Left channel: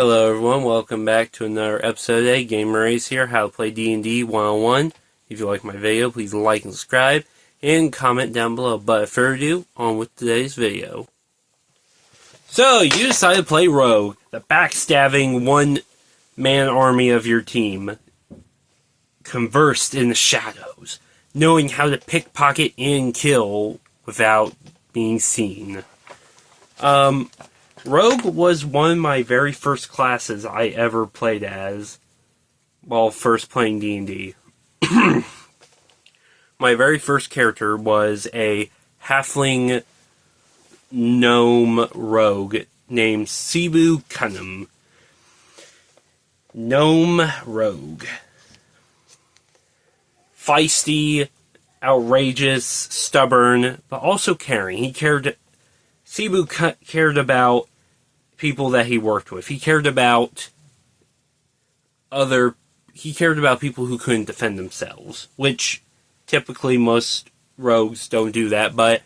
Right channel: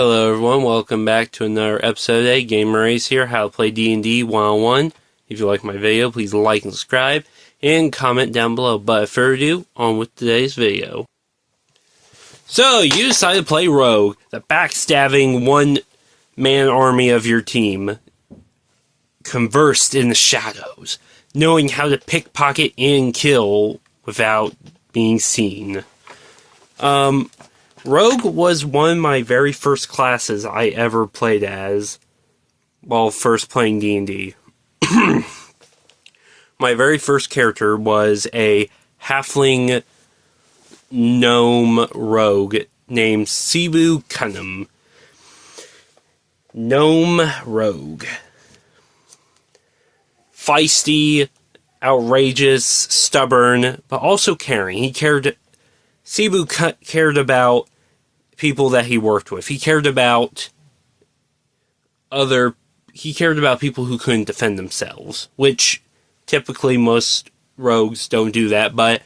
Hello everyone, welcome back to another episode of Gamer Ace here, how to play D&D 101. If you like my video, please like and subscribe, and comment down below. But without further ado, on with today's video. So, you decided to play Rogue, the backstabbing one-man army of your team, conversed in the shadows, knowing how to pickpocket and kill without being seen. Rogue was one of my very first classes I ever played as while first playing D&D. My very first character was a halfling gnome rogue named Cebu Cunham. Gnome rogue. Feisty, outrageous, stubborn, but also caring. Cebu cared about people that he worked with. He cared about people who couldn't defend themselves, which typically most rogues don't do that. But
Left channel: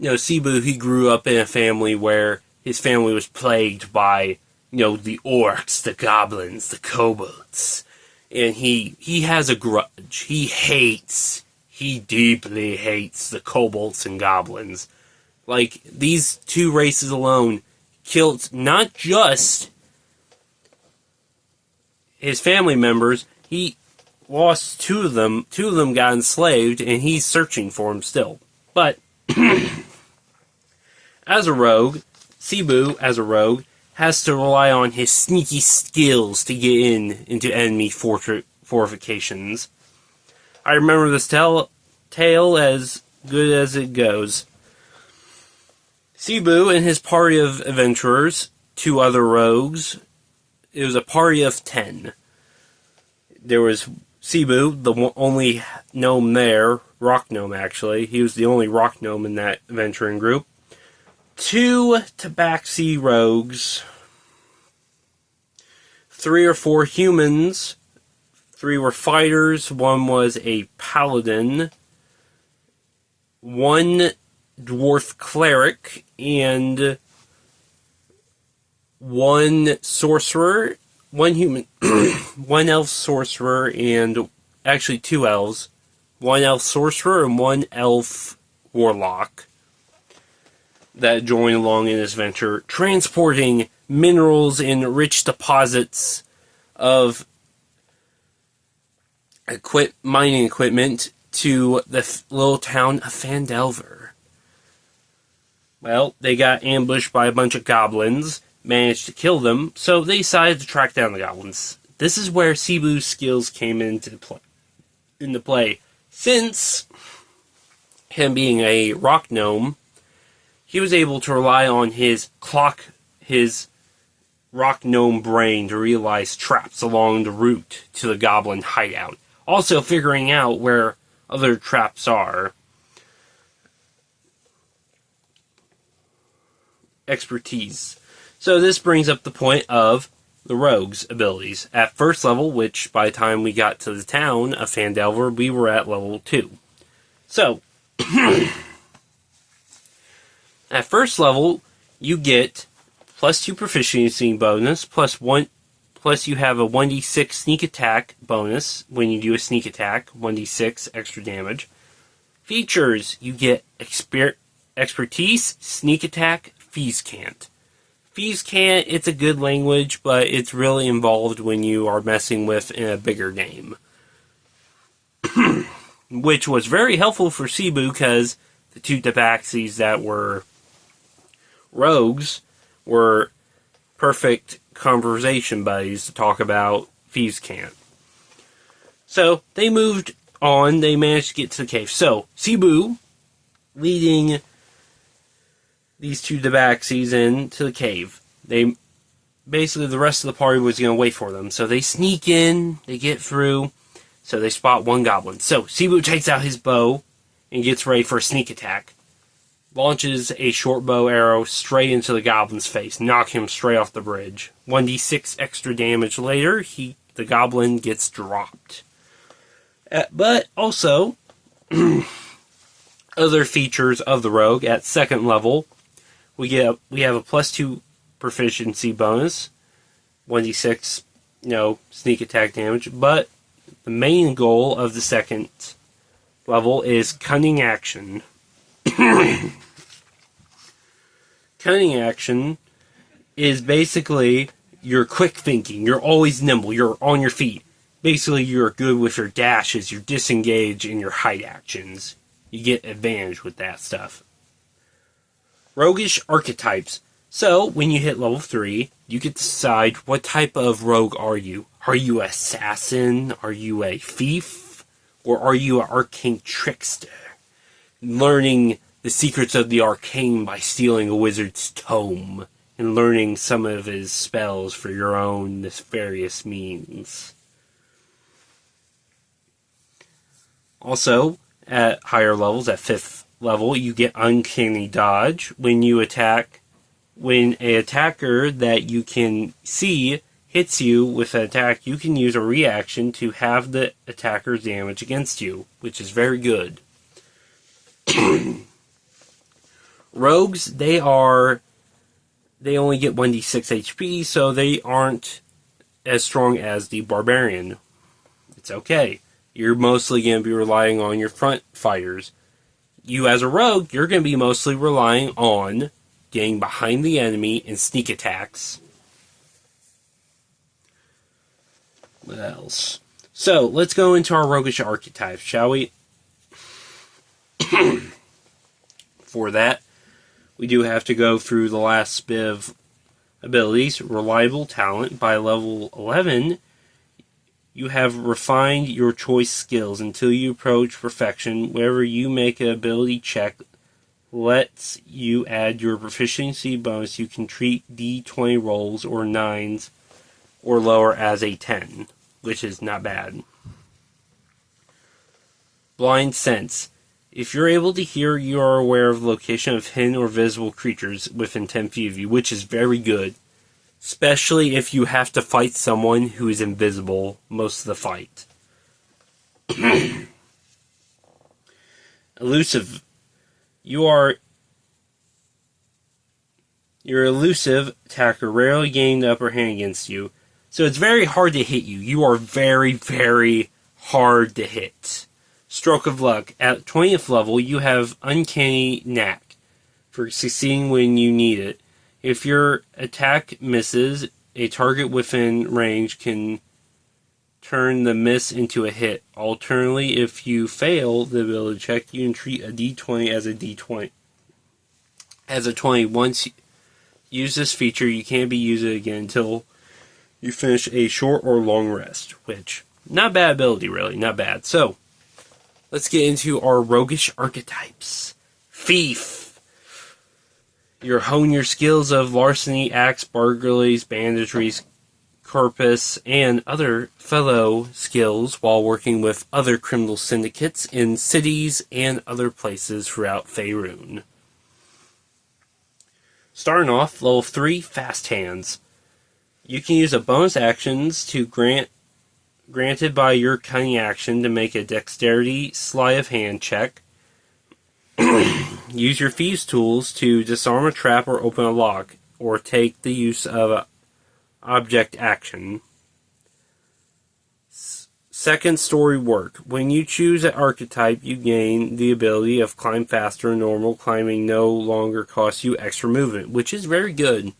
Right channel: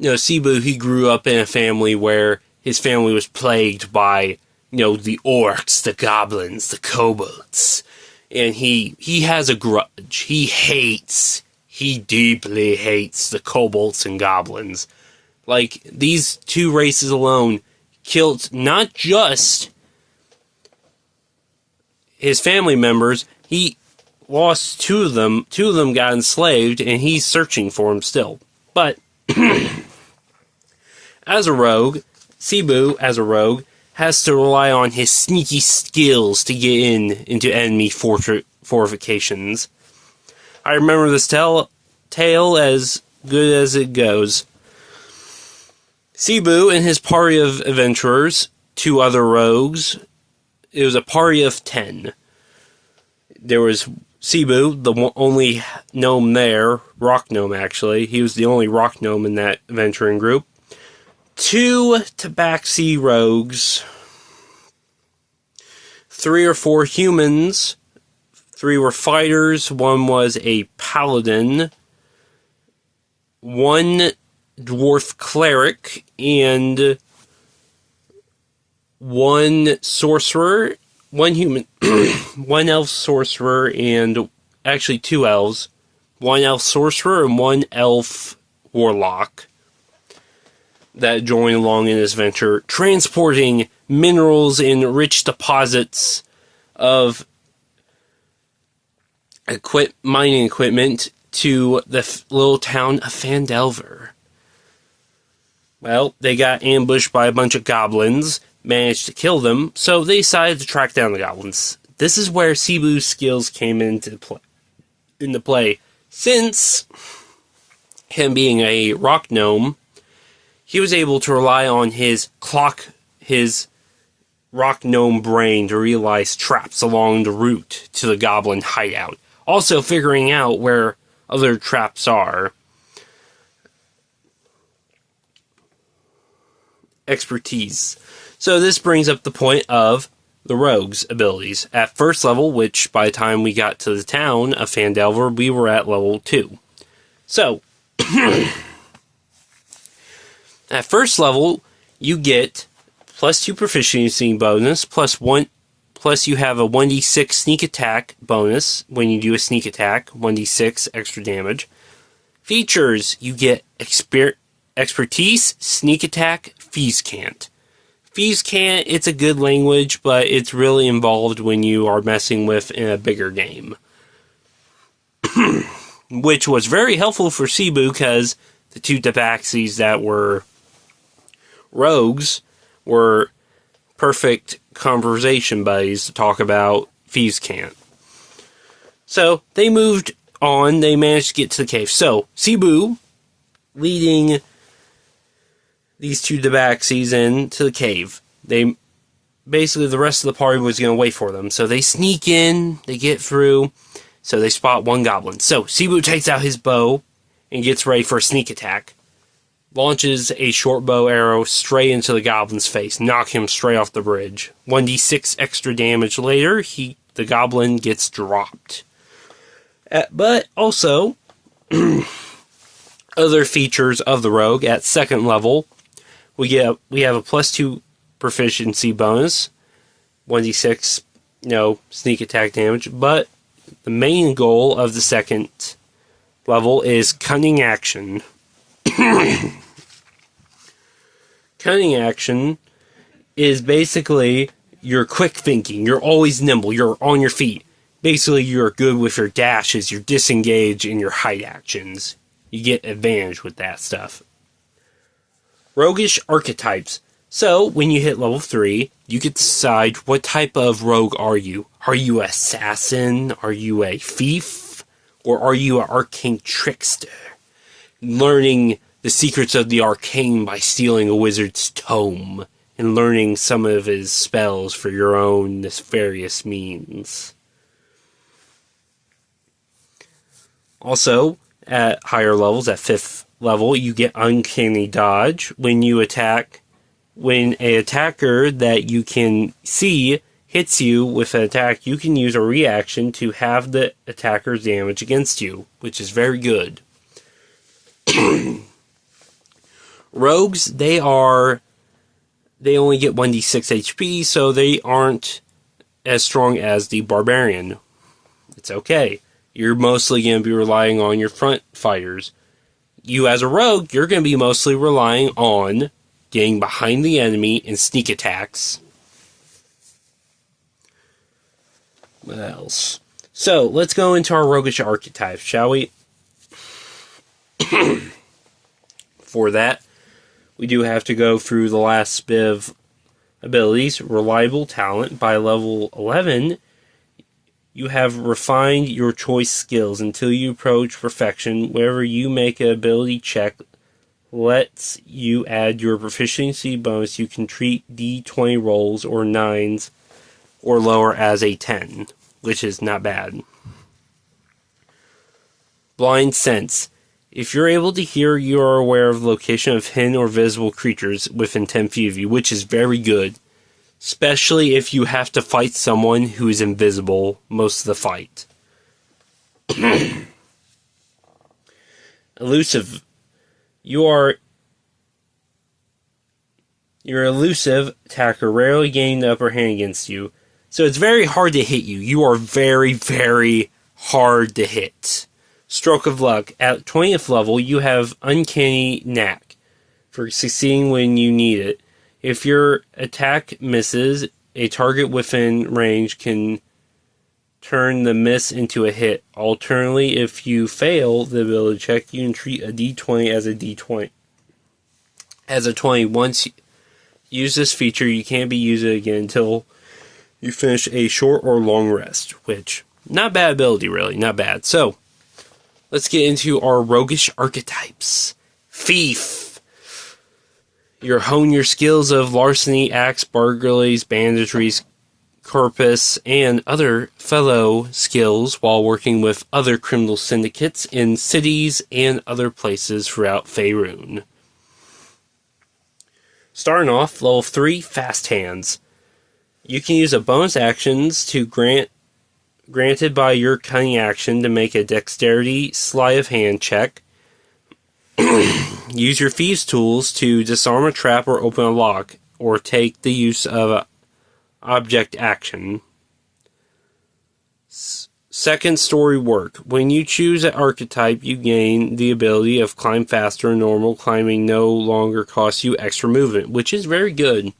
Cebu, he grew up in a family where his family was plagued by the orcs, the goblins, the kobolds, and he has a grudge. He deeply hates the kobolds and goblins. Like, these two races alone killed not just his family members, he lost two of them. Two of them got enslaved, and he's searching for them still. But, as a rogue, Cebu, as a rogue, has to rely on his sneaky skills to get into enemy fortifications. I remember this tale as good as it goes. Cebu and his party of adventurers, two other rogues, it was a party of 10. There was Cebu, the only gnome there, rock gnome actually. He was the only rock gnome in that adventuring group. 2 tabaxi rogues. 3 or 4 humans. 3 were fighters. 1 was a paladin. 1 dwarf cleric, and 1 sorcerer, 1 human, 1 elf sorcerer, and actually 2 elves, 1 elf sorcerer and 1 elf warlock that join along in this venture, transporting minerals and rich deposits of mining equipment to the little town of Phandelver. Well, they got ambushed by a bunch of goblins, managed to kill them, so they decided to track down the goblins. This is where Cebu's skills came into play. Since him being a rock gnome, he was able to rely on his rock gnome brain to realize traps along the route to the goblin hideout. Also figuring out where other traps are. Expertise. So this brings up the point of the rogue's abilities. At first level, which by the time we got to the town of Phandelver, we were at level 2. So, at first level, you get +2 proficiency bonus, plus you have a 1d6 sneak attack bonus when you do a sneak attack, 1d6 extra damage. Features, you get expertise, sneak attack, Thieves' Cant. Thieves' Cant, it's a good language, but it's really involved when you are messing with in a bigger game. Which was very helpful for Cebu, because the 2 tabaxis that were rogues were perfect conversation buddies to talk about Thieves' Cant. So, they moved on, they managed to get to the cave. So, Cebu, leading these 2 tabaxis into the cave. Basically, the rest of the party was going to wait for them. So they sneak in, they get through, so they spot 1 goblin. So Cebu takes out his bow and gets ready for a sneak attack. Launches a short bow arrow straight into the goblin's face, knock him straight off the bridge. 1d6 extra damage later, the goblin gets dropped. But also, other features of the rogue at second level, we have a +2 proficiency bonus, 1d6, sneak attack damage. But the main goal of the second level is cunning action. Cunning action is basically your quick thinking. You're always nimble. You're on your feet. Basically, you're good with your dashes, your disengage, and your hide actions. You get advantage with that stuff. Roguish archetypes. So, when you hit level 3, you get to decide what type of rogue are you. Are you an assassin? Are you a thief? Or are you an arcane trickster? Learning the secrets of the arcane by stealing a wizard's tome and learning some of his spells for your own nefarious means. Also, at higher levels, at 5th level, you get Uncanny Dodge. When an attacker that you can see hits you with an attack, you can use a reaction to have the attacker's damage against you, which is very good. Rogues, they only get 1d6 HP, so they aren't as strong as the Barbarian. It's okay. You're mostly going to be relying on your front fighters. You, as a rogue, you're going to be mostly relying on getting behind the enemy and sneak attacks. What else? So, let's go into our roguish archetypes, shall we? For that, we do have to go through the last bit of abilities. Reliable talent. By level 11, you have refined your choice skills until you approach perfection. Whenever you make an ability check, lets you add your proficiency bonus. You can treat D20 rolls or 9s or lower as a 10, which is not bad. Blind sense. If you're able to hear, you are aware of the location of hidden or visible creatures within 10 feet of you, which is very good. Especially if you have to fight someone who is invisible most of the fight. Elusive. Your elusive attacker rarely gain the upper hand against you. So it's very hard to hit you. You are very, very hard to hit. Stroke of luck. At 20th level, you have Uncanny Knack for succeeding when you need it. If your attack misses, a target within range can turn the miss into a hit. Alternatively, if you fail the ability check, you can treat a D20 as a D20. As a 20, once you use this feature, you can't be used again until you finish a short or long rest, which, not bad ability, really, not bad. So, let's get into our roguish archetypes. Thief. You hone your skills of larceny, axe, burglaries, banditries, corpus, and other fellow skills while working with other criminal syndicates in cities and other places throughout Faerun. Starting off, level 3, Fast Hands. You can use a bonus actions to granted by your cunning action to make a dexterity sleight of hand check. Use your thieves' tools to disarm a trap or open a lock, or take the use of object action. Second story work. When you choose an archetype, you gain the ability of climb faster. Normal climbing no longer costs you extra movement, which is very good.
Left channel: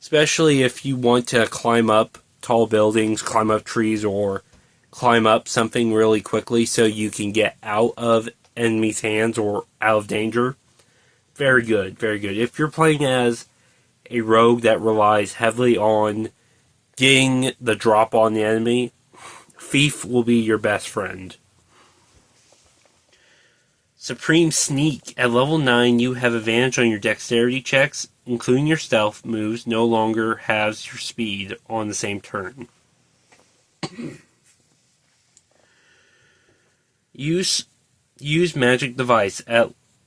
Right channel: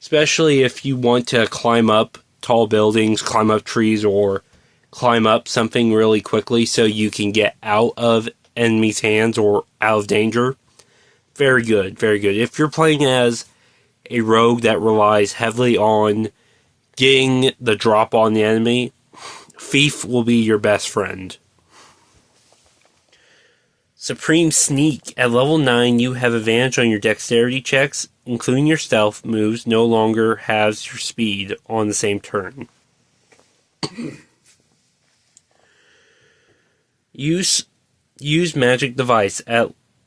Especially if you want to climb up tall buildings, climb up trees, or climb up something really quickly so you can get out of enemy's hands or out of danger. Very good, very good. If you're playing as a rogue that relies heavily on getting the drop on the enemy, Thief will be your best friend. Supreme Sneak. At level 9, you have advantage on your dexterity checks, including your stealth moves, no longer has your speed on the same turn. Use magic device.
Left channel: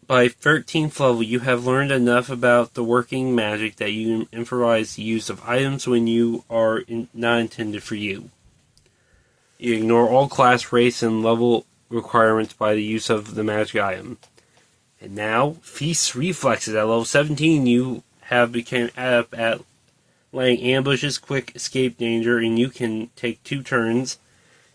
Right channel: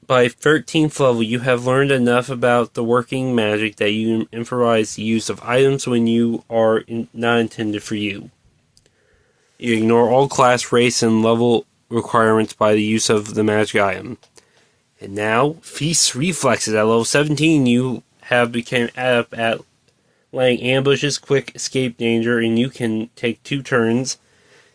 By 13th level, you have learned enough about the working magic that you improvise the use of items when you are not intended for you. You ignore all class, race, and level requirements by the use of the magic item. And now, Feast Reflexes. At level 17, you have become adept at laying ambushes, quick escape danger, and you can take 2 turns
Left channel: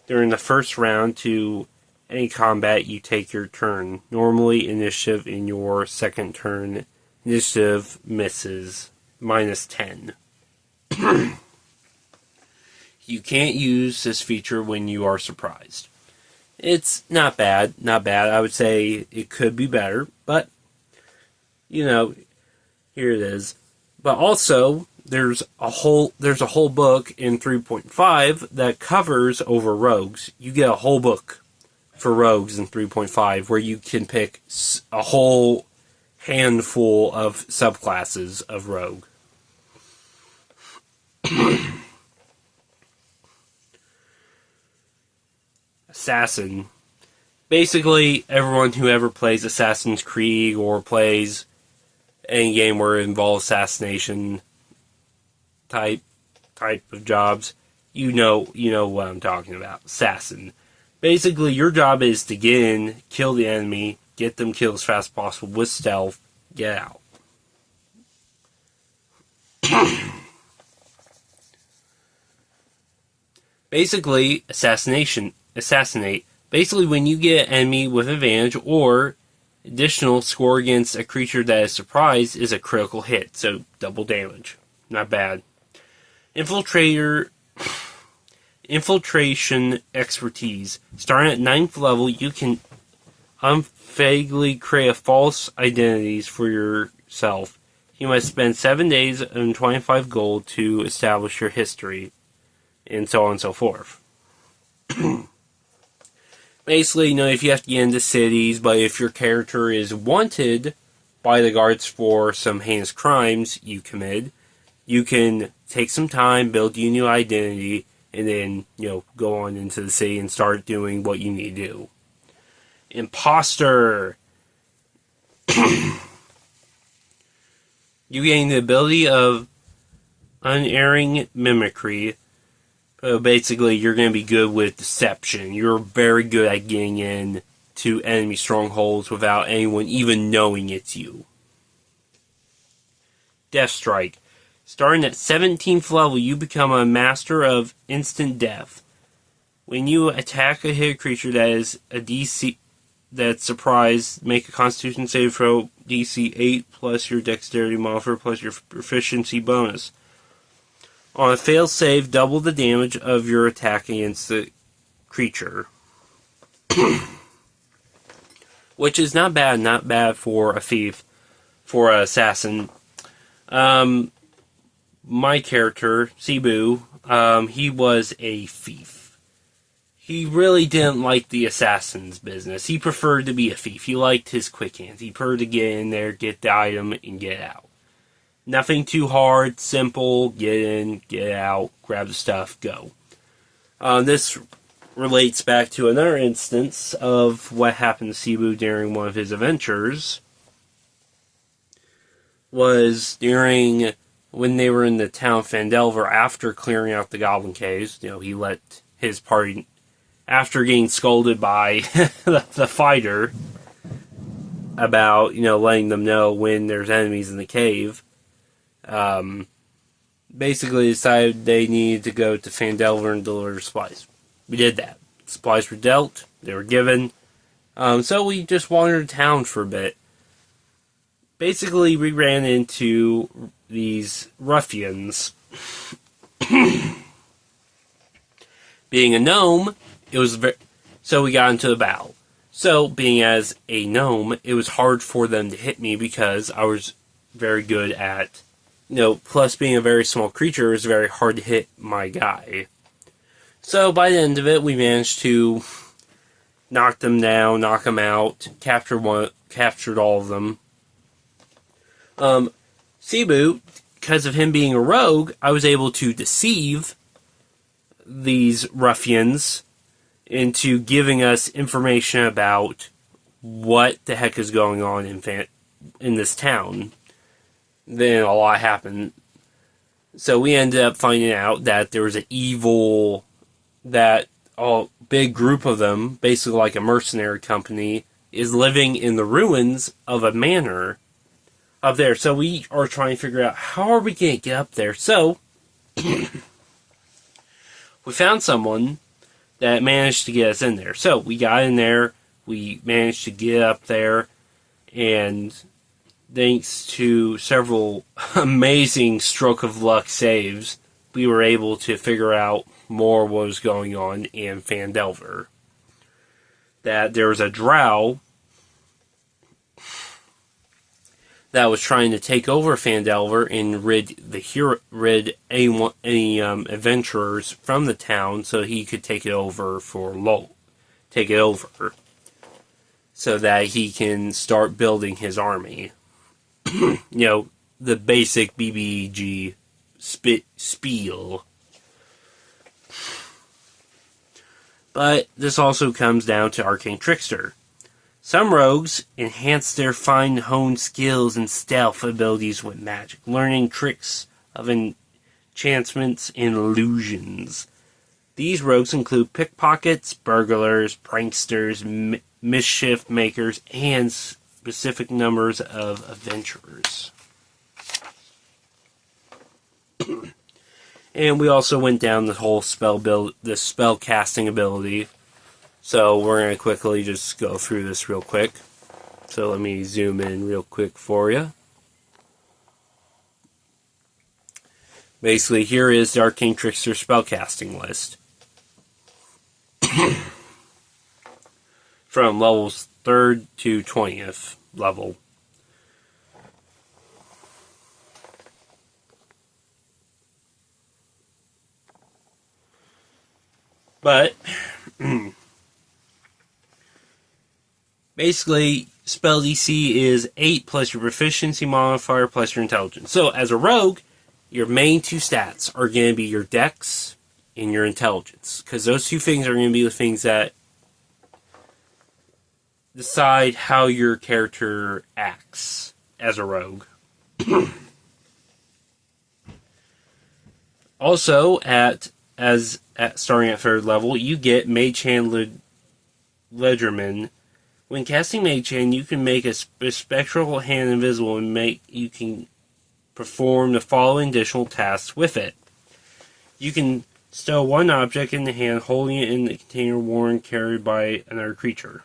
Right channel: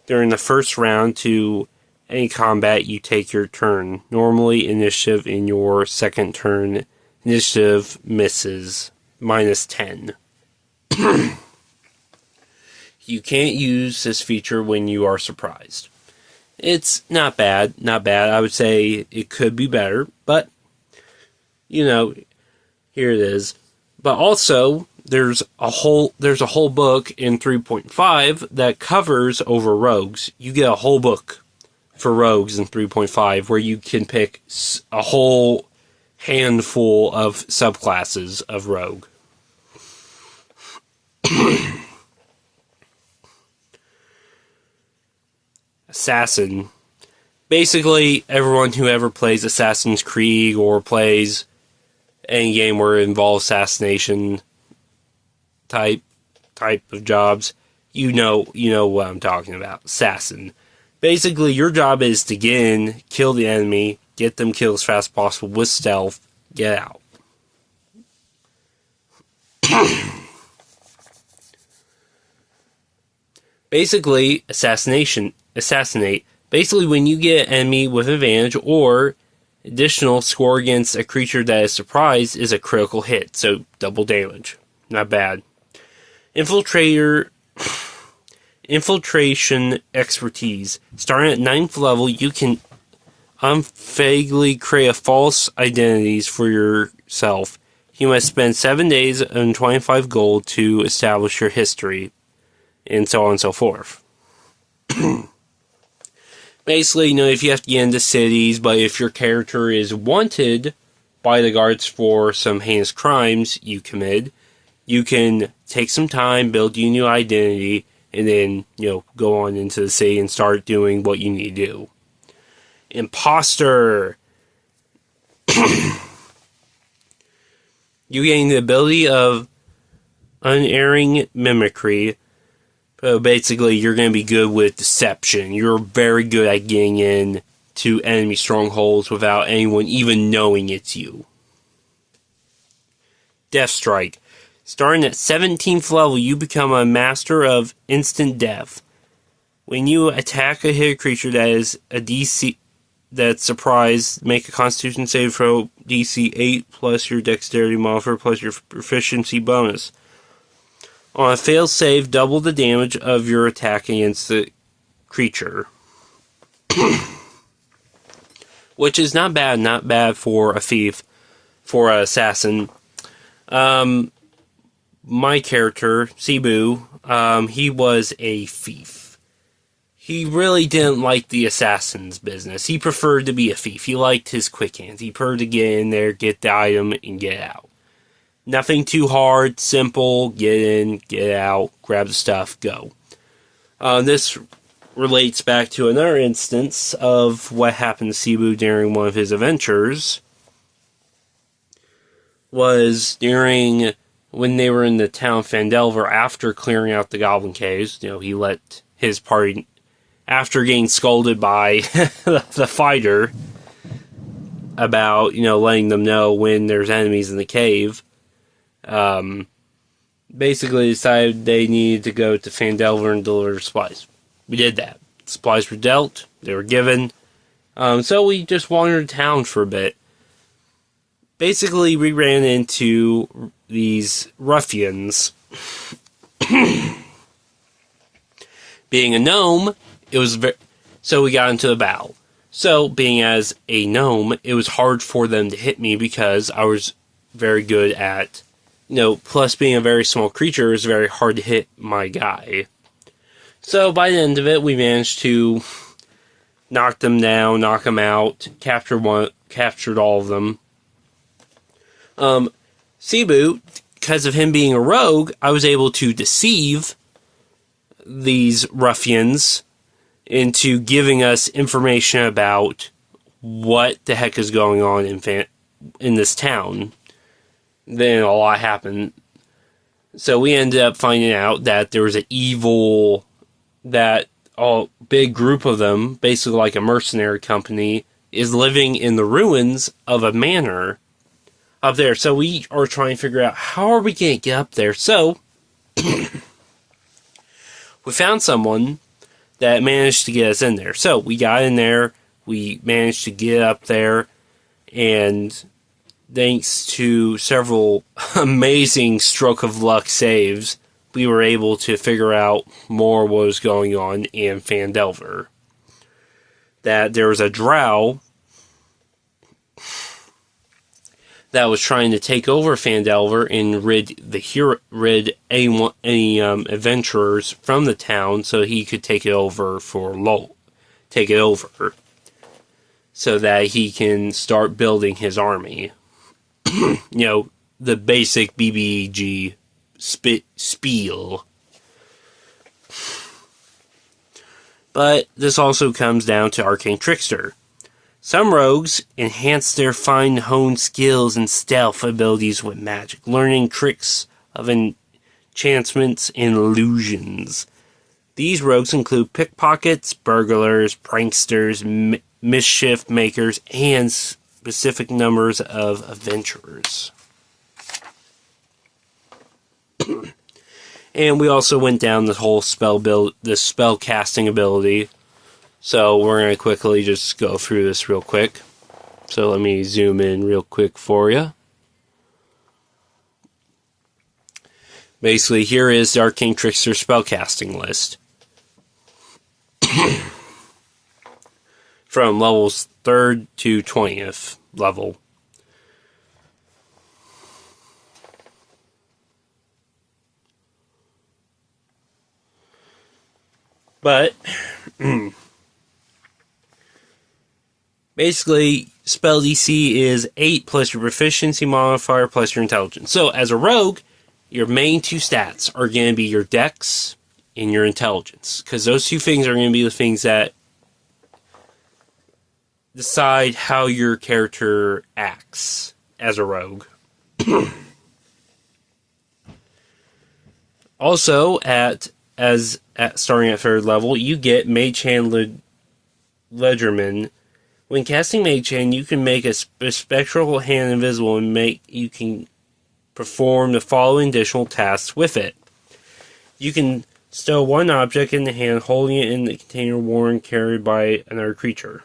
during the first round to any combat you take your turn. Normally, initiative in your second turn. Initiative misses. -10. You can't use this feature when you are surprised. It's not bad. Not bad. I would say it could be better. But, here it is. But also, there's a whole book in 3.5 that covers over rogues. You get a whole book for rogues in 3.5 where you can pick a whole handful of subclasses of rogue. Assassin. Basically, everyone who ever plays Assassin's Creed or plays any game where it involves assassination type of jobs, you know what I'm talking about. Assassin. Basically, your job is to get in, kill the enemy, get them killed as fast as possible with stealth, get out. Basically, assassinate. Basically, when you get an enemy with advantage or additional score against a creature that is surprised is a critical hit, so double damage. Not bad. Infiltration expertise. Starting at 9th level, you can unfakeably create false identities for yourself. You must spend 7 days and 25 gold to establish your history, and so on and so forth. Basically, if you have to get into cities, but if your character is wanted by the guards for some heinous crimes you committed, you can take some time, build you a new identity, and then, go on into the city and start doing what you need to do. Imposter. You gain the ability of unerring mimicry. Basically, you're going to be good with deception. You're very good at getting in to enemy strongholds without anyone even knowing it's you. Death Strike. Starting at 17th level, you become a master of instant death. When you attack a hit creature that is a DC that's surprised, make a Constitution save throw DC 8 plus your Dexterity modifier plus your proficiency bonus. On a failed save, double the damage of your attack against the creature. Which is not bad for a thief, for an assassin. My character, Cebu, he was a thief. He really didn't like the assassin's business. He preferred to be a thief. He liked his quick hands. He preferred to get in there, get the item, and get out. Nothing too hard, simple, get in, get out, grab the stuff, go. This relates back to another instance of what happened to Cebu during one of his adventures. Was during when they were in the town of Phandelver after clearing out the Goblin Caves. He let his party, after getting scolded by the fighter about, letting them know when there's enemies in the cave. Basically decided they needed to go to Phandelver and deliver supplies. We did that. Supplies were dealt. They were given. So we just wandered town for a bit. Basically, we ran into these ruffians. Being a gnome, so we got into a battle. So, being as a gnome, it was hard for them to hit me because I was very good at, plus being a very small creature, it's very hard to hit my guy. So, by the end of it, we managed to knock them down, knock them out, captured all of them. Cebu, because of him being a rogue, I was able to deceive these ruffians into giving us information about what the heck is going on in this town. Then a lot happened. So we ended up finding out that there was that a big group of them, basically like a mercenary company, is living in the ruins of a manor up there. So we are trying to figure out how are we going to get up there. So We found someone that managed to get us in there. So we got in there, we managed to get up there, and thanks to several amazing stroke of luck saves, we were able to figure out more what was going on in Phandelver. That there was a drow that was trying to take over Phandelver and rid any adventurers from the town, so he could take it over so that he can start building his army. The basic BBG spiel. But this also comes down to Arcane Trickster. Some rogues enhance their fine-honed skills and stealth abilities with magic, learning tricks of enchantments and illusions. These rogues include pickpockets, burglars, pranksters, mischief makers, and specific numbers of adventurers. And we also went down the whole the spell casting ability. So we're going to quickly just go through this real quick. So let me zoom in real quick for you. Basically, here is the Arcane Trickster spellcasting list. From levels 3rd to 20th level. But basically, spell DC is 8 plus your proficiency modifier plus your intelligence. So, as a rogue, your main two stats are going to be your dex and your intelligence. Because those two things are going to be the things that decide how your character acts as a rogue. Also, starting at 3rd level, you get Mage Hand Ledgerman. When casting Mage Hand, you can make a spectral hand invisible and you can perform the following additional tasks with it. You can stow one object in the hand, holding it in the container worn carried by another creature.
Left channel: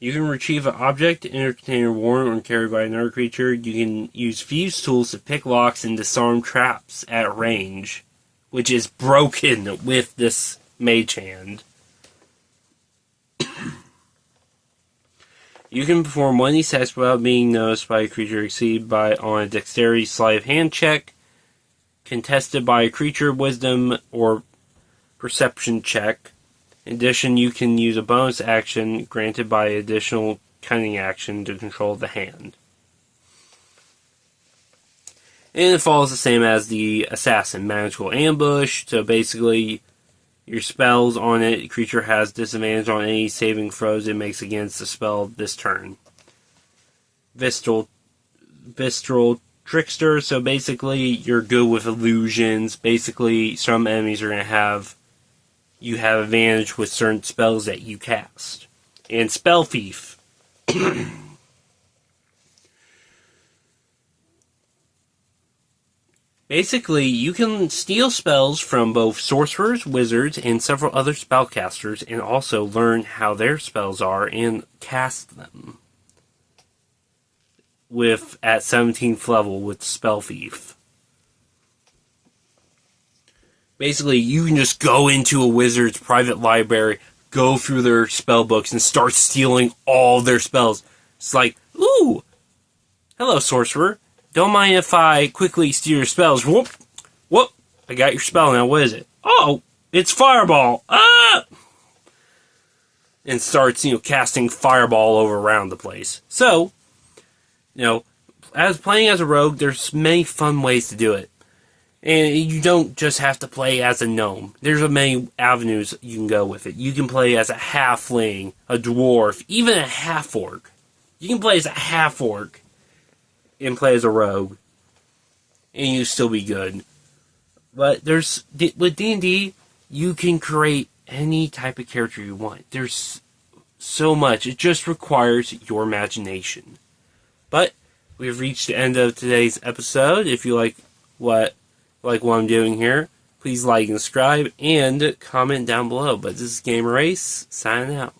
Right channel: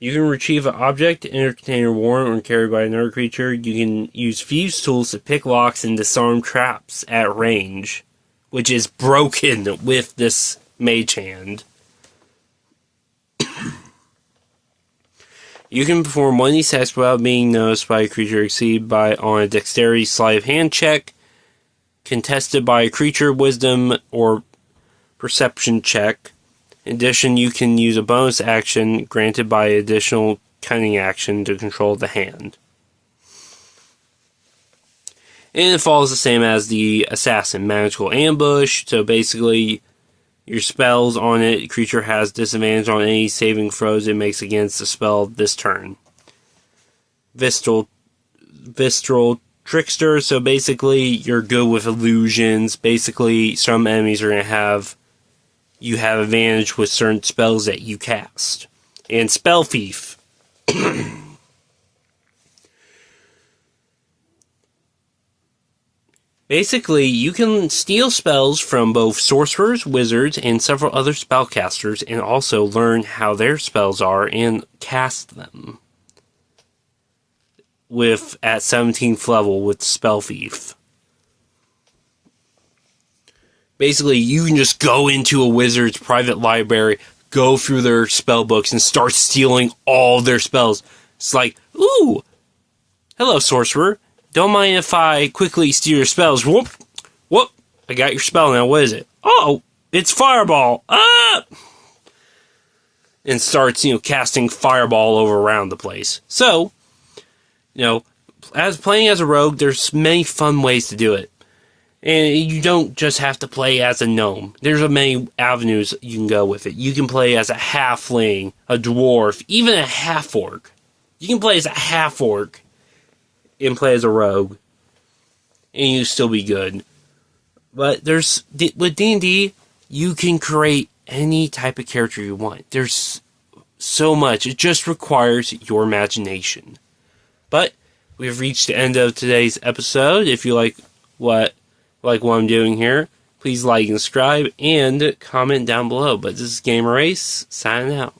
You can retrieve an object in a container worn or carried by another creature. You can use fuse tools to pick locks and disarm traps at range, which is broken with this Mage Hand. You can perform one of these tasks without being noticed by a creature exceeded on a dexterity sleight of hand check, contested by a creature wisdom or perception check. In addition, you can use a bonus action granted by additional cunning action to control the hand. And it follows the same as the Assassin Magical Ambush. So basically, your spells on it, the creature has disadvantage on any saving throws it makes against the spell this turn. Visceral Trickster, so basically, you're good with illusions. Basically, some enemies are going to have advantage with certain spells that you cast. And Spell Thief. Basically, you can steal spells from both sorcerers, wizards, and several other spellcasters, and also learn how their spells are and cast them. At 17th level with Spell Thief. Basically, you can just go into a wizard's private library, go through their spell books, and start stealing all their spells. It's like, ooh, hello, sorcerer. Don't mind if I quickly steal your spells. Whoop, whoop, I got your spell now. What is it? Oh, it's Fireball. Ah! And starts, casting Fireball over around the place. So, as playing as a rogue, there's many fun ways to do it. And you don't just have to play as a gnome. There's many avenues you can go with it. You can play as a halfling, a dwarf, even a half-orc. You can play as a half-orc and play as a rogue. And you still be good. But with D&D, you can create any type of character you want. There's so much. It just requires your imagination. But we've reached the end of today's episode. If you like what I'm doing here, please like and subscribe and comment down below. But this is Gamer Ace, signing out.